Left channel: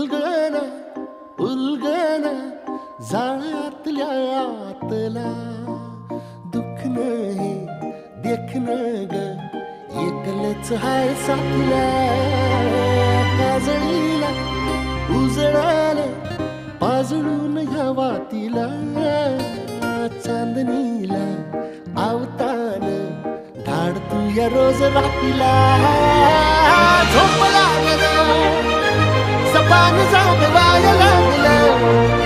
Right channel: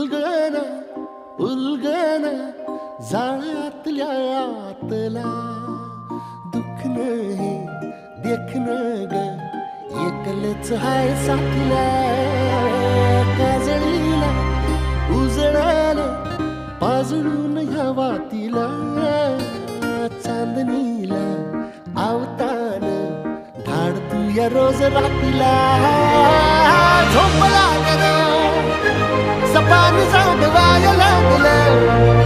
उलगन उलगन जाळ्यातल्या आतला दुःख नाही देखणं ग एकलच हाय साथीला काजळीला उजळाला पाजळून ह्या वातीला चांदणीला आवतान धाड तू या रोज रातीला झोप लागलं सपान जागवाय लागलं